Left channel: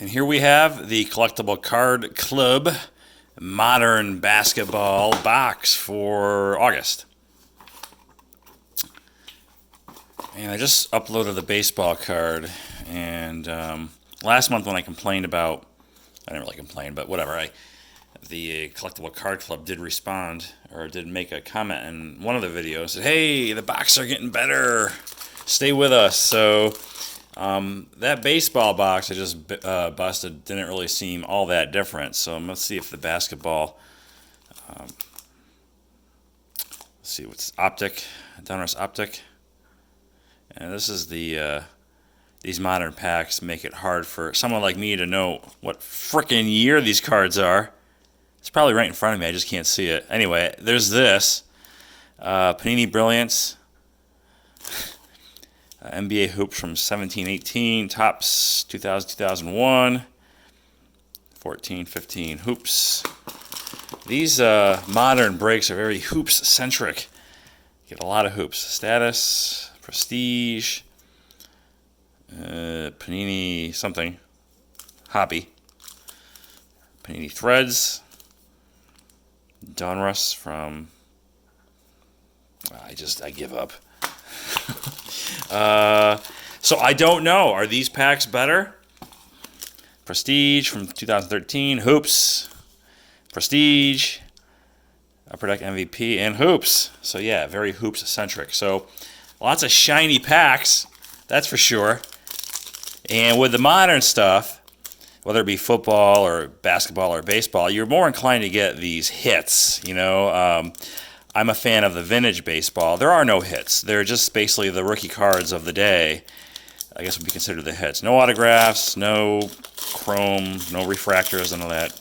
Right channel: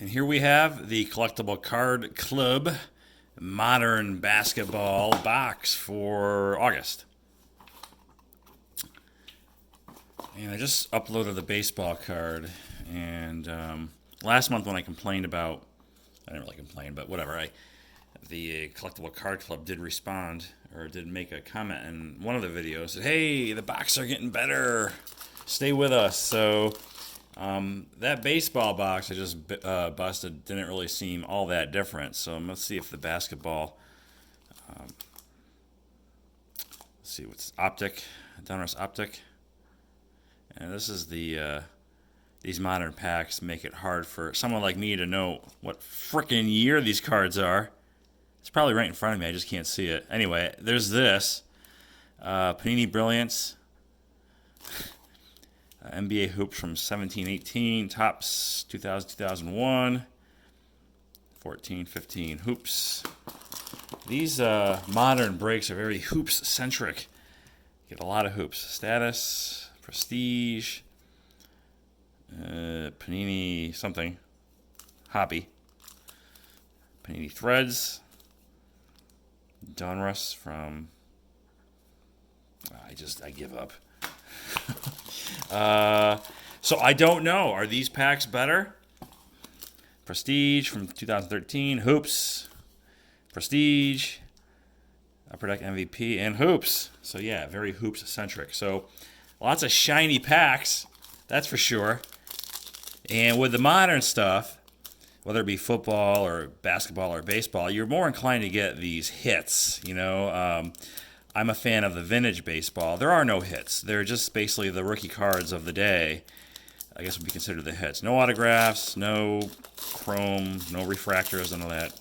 And here we have the Collectible Card Club Modern Basketball box for August. And I just uploaded the baseball card. And last month when I complained about, I didn't really complain, but whatever, the Collectible Card Club did respond, or did make a comment in one of the videos. Said, hey, the boxes are getting better. Stay with us. So that baseball box I just busted didn't really seem all that different. So let's see if the basketball, let's see what's optic, Donruss optic. And this is the, these modern packs make it hard for someone like me to know what frickin' year these cards are. It's probably right in front of me, I just can't see it. Anyway, there's this, Panini Brilliance. NBA hoops from 17-18, Topps 2000-2001, 14-15 hoops. These modern breaks are very hoops centric. Get a lot of hoops. Status, Prestige, Panini something, Hobby, Panini Threads, Donruss from. I give up. So I don't know. Are these packs better? Prestige from 2013, Hoops, Prestige, Upper Deck MVP, and Hoops. So yeah, very Hoops centric. So lots of shiny packs, that's for sure. And with the modern stuff, whether it be football or basketball or baseball, you're more inclined to get these hits, you know. I'm a fan of the vintage baseball. There are no hits. They're just basically the rookie cards of the day. I guess would be considered the hits. No autographs, no chrome, no refractors, none of that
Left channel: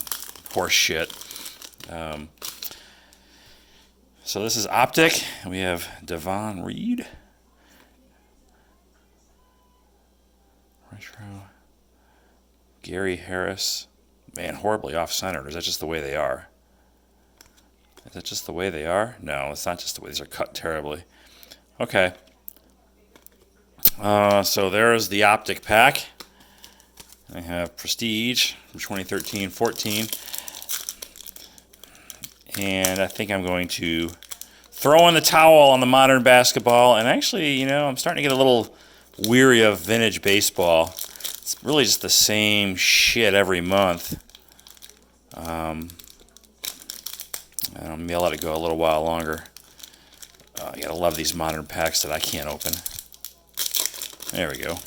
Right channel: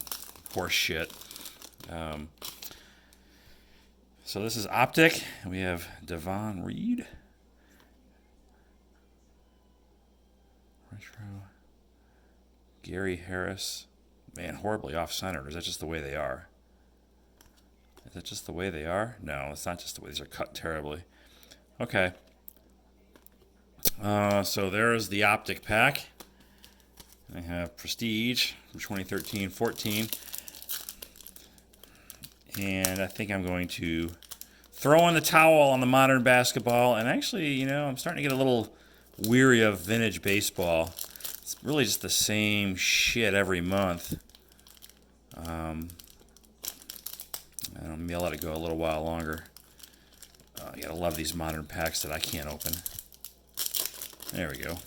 horse shit. So this is Optic. We have Devon Reed. Retro. Gary Harris. Man, horribly off-centered. Is that just the way they are? Is that just the way they are? No, it's not just the way. These are cut terribly. Okay. So there's the Optic pack. I have Prestige from 2013-14. And I think I'm going to throw in the towel on the modern basketball. And actually, you know, I'm starting to get a little weary of vintage baseball. It's really just the same shit every month. Maybe I'll let it go a little while longer. You gotta love these modern packs that I can't open. There we go.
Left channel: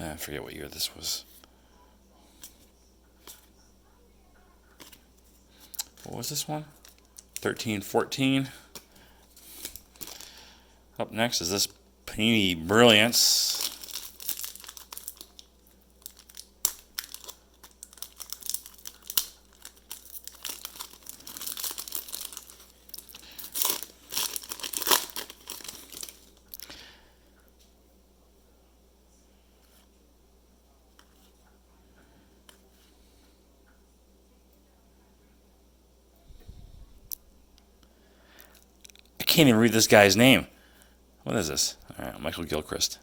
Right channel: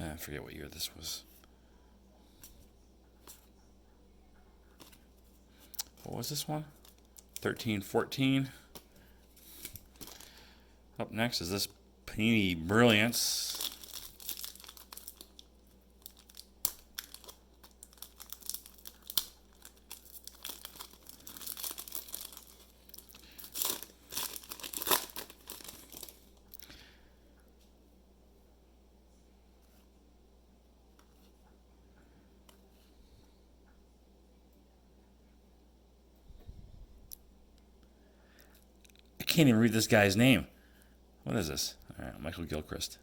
I forget what year this was. What was this one? 13-14. Up next is this Panini Brilliance. I can't even read this guy's name. What is this? All right, Michael Gilchrist.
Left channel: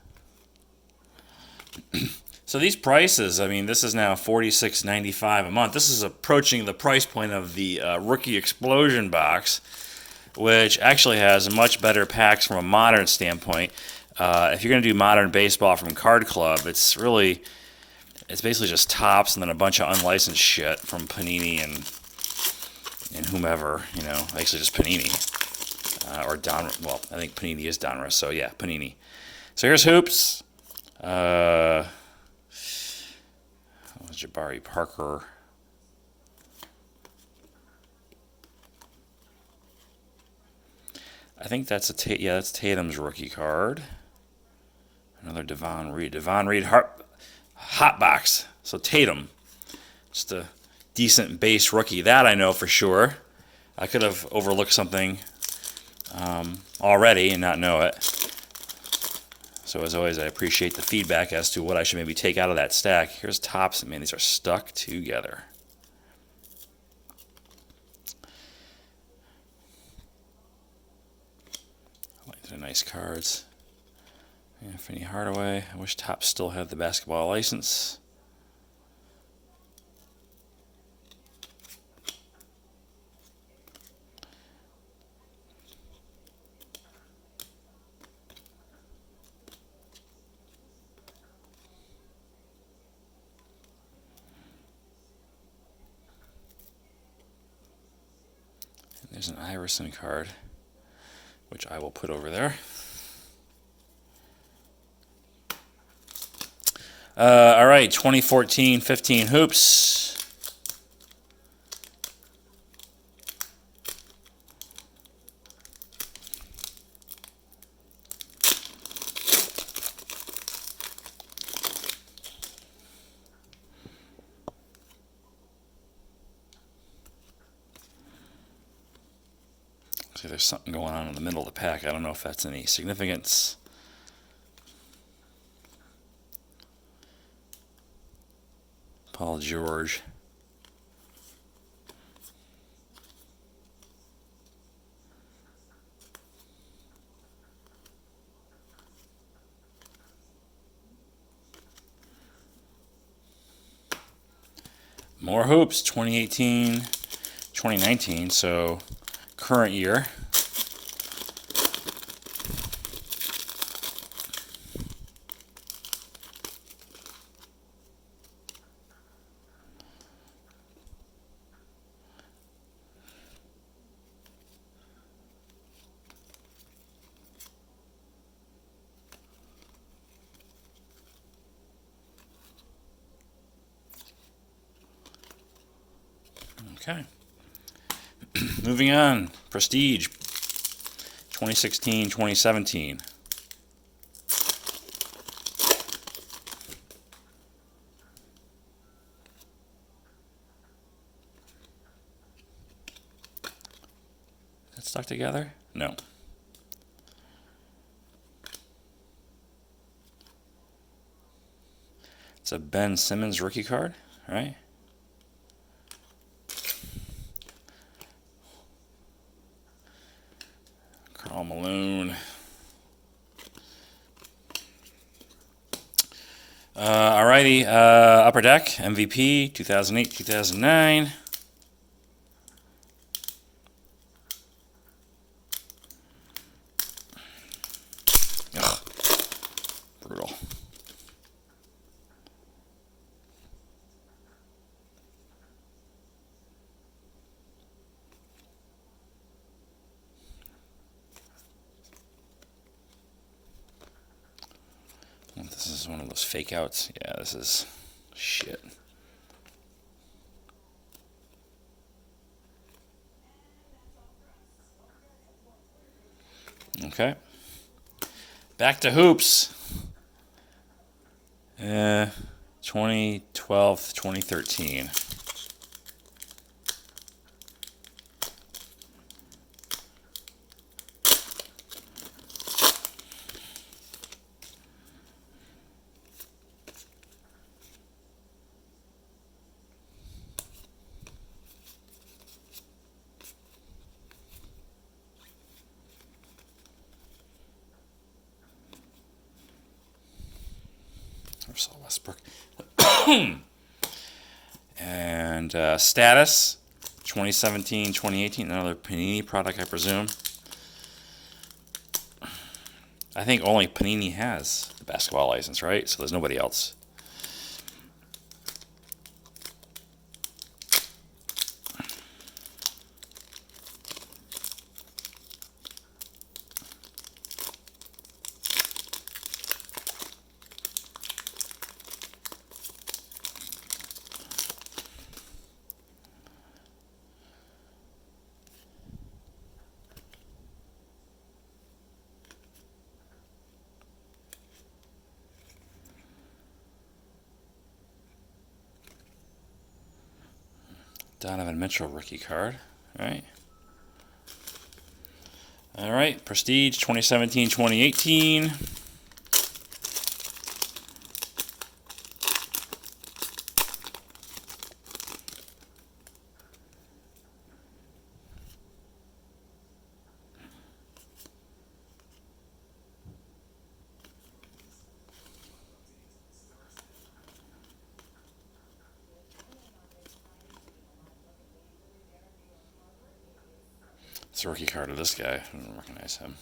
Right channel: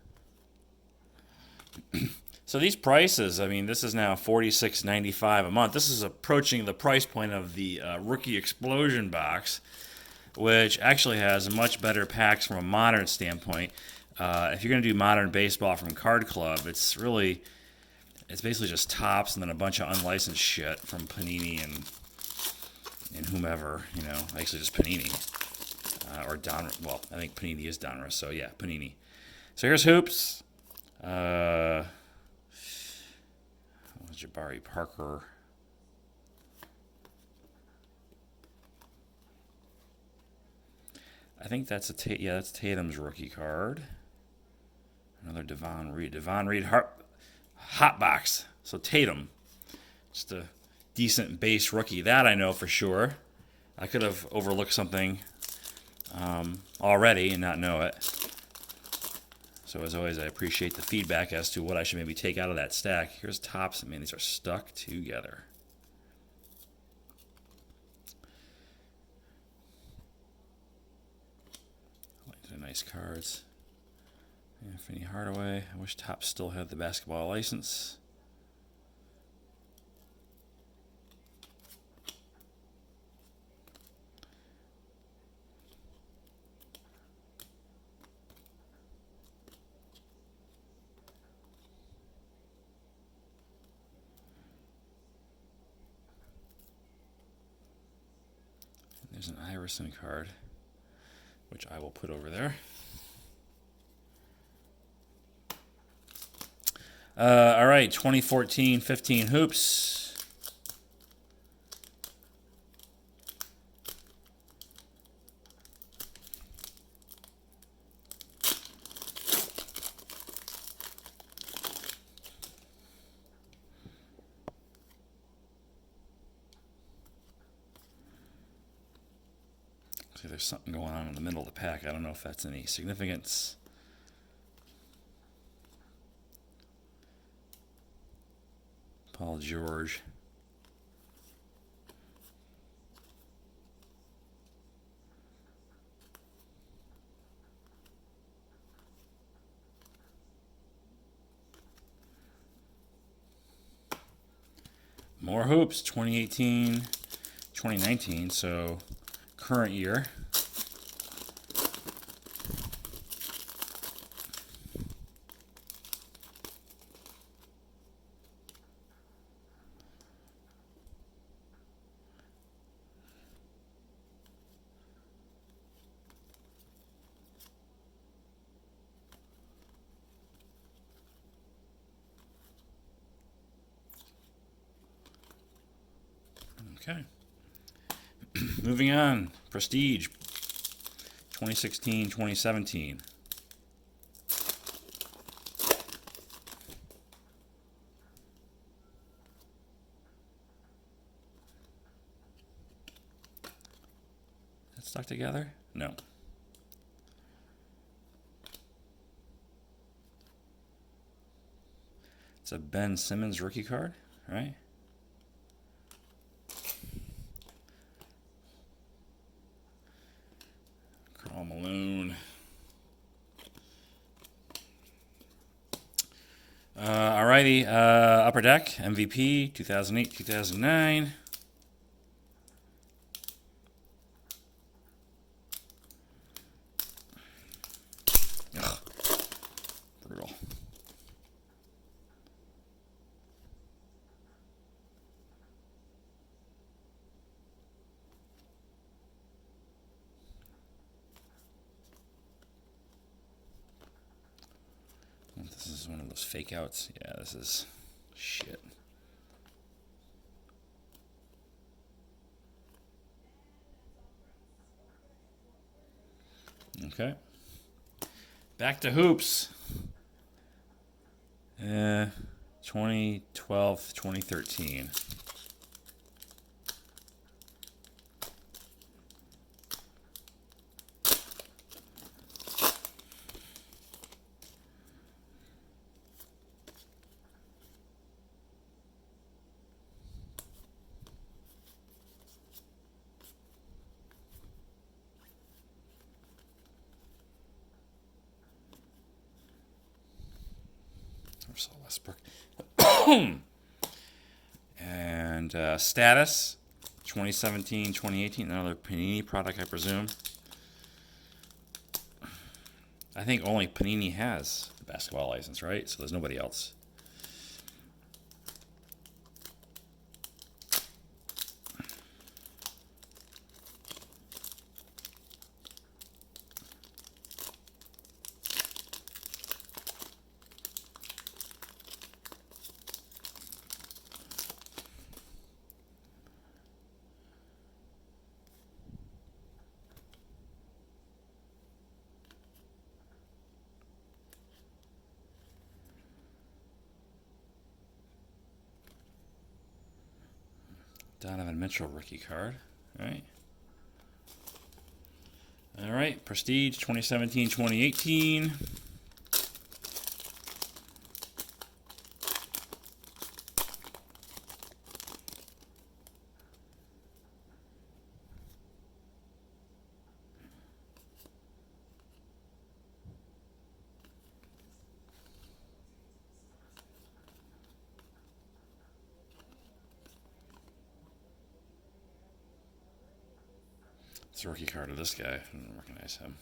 So these prices, I mean, this is now $46.95 a month. This is approaching the price point of the Rookie Explosion box, which actually has much better packs from a modern standpoint. If you're going to do modern baseball from Card Club, it's basically just Topps and then a bunch of unlicensed shit from Panini and whomever, you know, actually just Panini. Or Donruss. Well, I think Panini is Donruss, so yeah, Panini. So here's Hoops. Jabari Parker. I think that's that's Tatum's rookie card. Another Devon Reed. Devon Reed hot box. So Tatum, just a decent base rookie. That I know for sure. I could have overlooked something already and not know it. So as always, I appreciate the feedback as to what I should maybe take out of that stack. Here's Topps. Man, these are stuck together. nice cards. Anthony Hardaway. I wish Topps still had the basketball license. There's an Iverson card, which I will put over there. All right, 2014-15 hoops. See, there's something going on in the middle of the pack. I don't know if that's any significance. Paul George. More hoops, 2018, 2019, so current year. Okay. Moving on. Prestige. 2016, 2017. That stuck together? No. It's a Ben Simmons rookie card, right? Karl Malone. Alrighty, Upper Deck, MVP, 2008, 2009. Ugh, brutal. This is one of those fake outs. Yeah, this is shit. Okay. Back to hoops. 2012, 2013. Russell Westbrook. And Status, 2017, 2018. Another Panini product, I presume. I think only Panini has the basketball license, right? So there's nobody else. Donovan Mitchell rookie card, right? All right, Prestige 2017, 2018. It's a rookie card of this guy. I don't recognize him.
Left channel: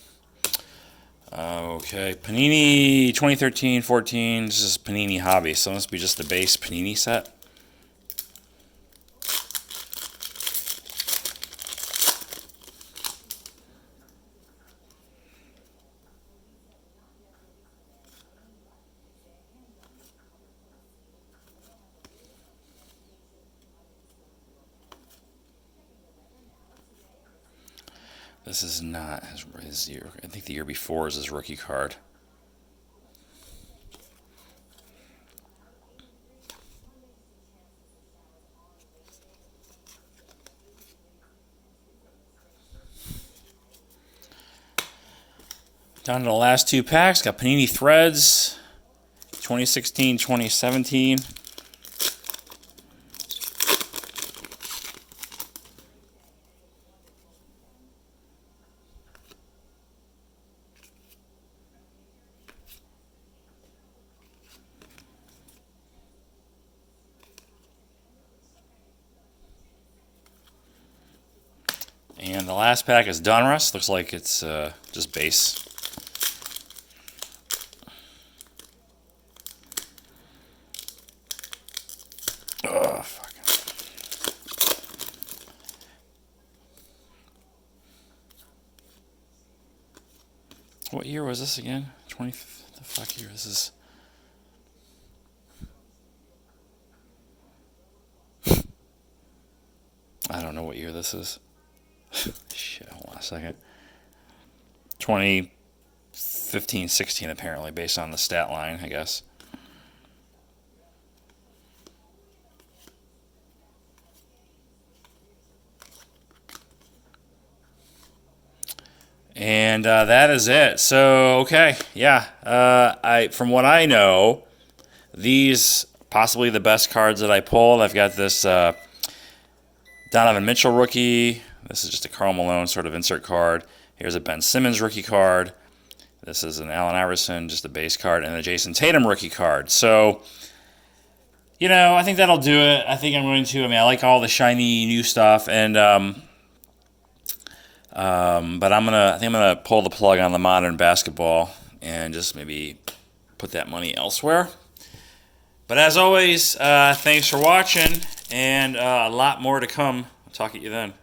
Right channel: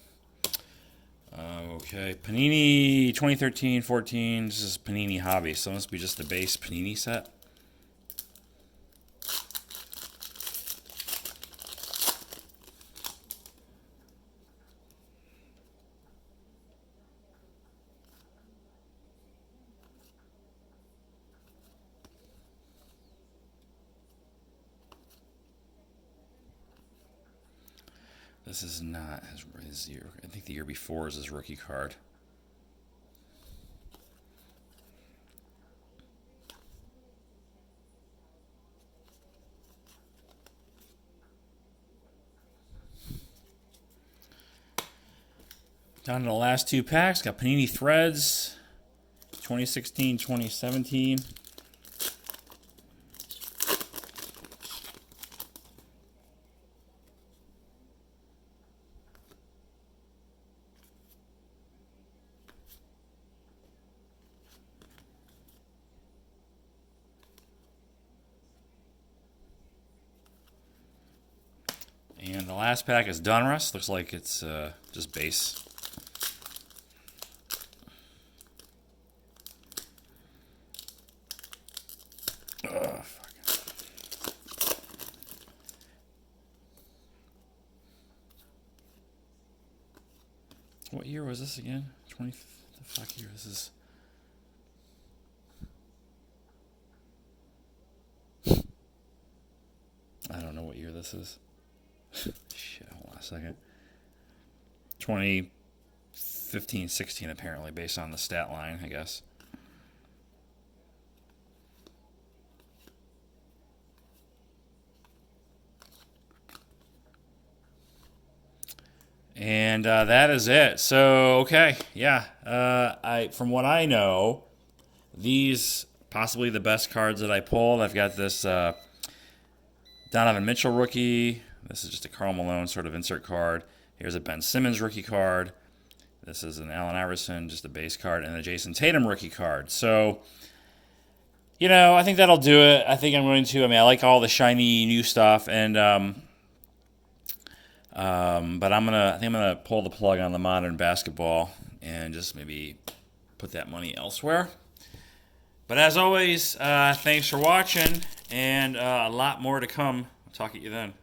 Okay, Panini 2013-14. This is Panini Hobby, so it must be just the base Panini set. This is not his year. I think the year before is his rookie card. Down to the last two packs. Got Panini Threads, 2016-2017. And the last pack is Donruss. Looks like it's just base. Oh, fuck. What year was this again? The fuck year this is? I don't know what year this is. Shit, hold on a second. 2015-16 apparently, based on the stat line, I guess. And that is it. So, okay, yeah. From what I know, these possibly the best cards that I pulled. I've got this Donovan Mitchell rookie. This is just a Karl Malone sort of insert card. Here's a Ben Simmons rookie card. This is an Allen Iverson, just a base card, and a Jason Tatum rookie card. So, I think that'll do it. I think I'm going to. I like all the shiny new stuff, and but I think I'm gonna pull the plug on the modern basketball and just maybe put that money elsewhere. But as always, thanks for watching, and a lot more to come. I'll talk at you then.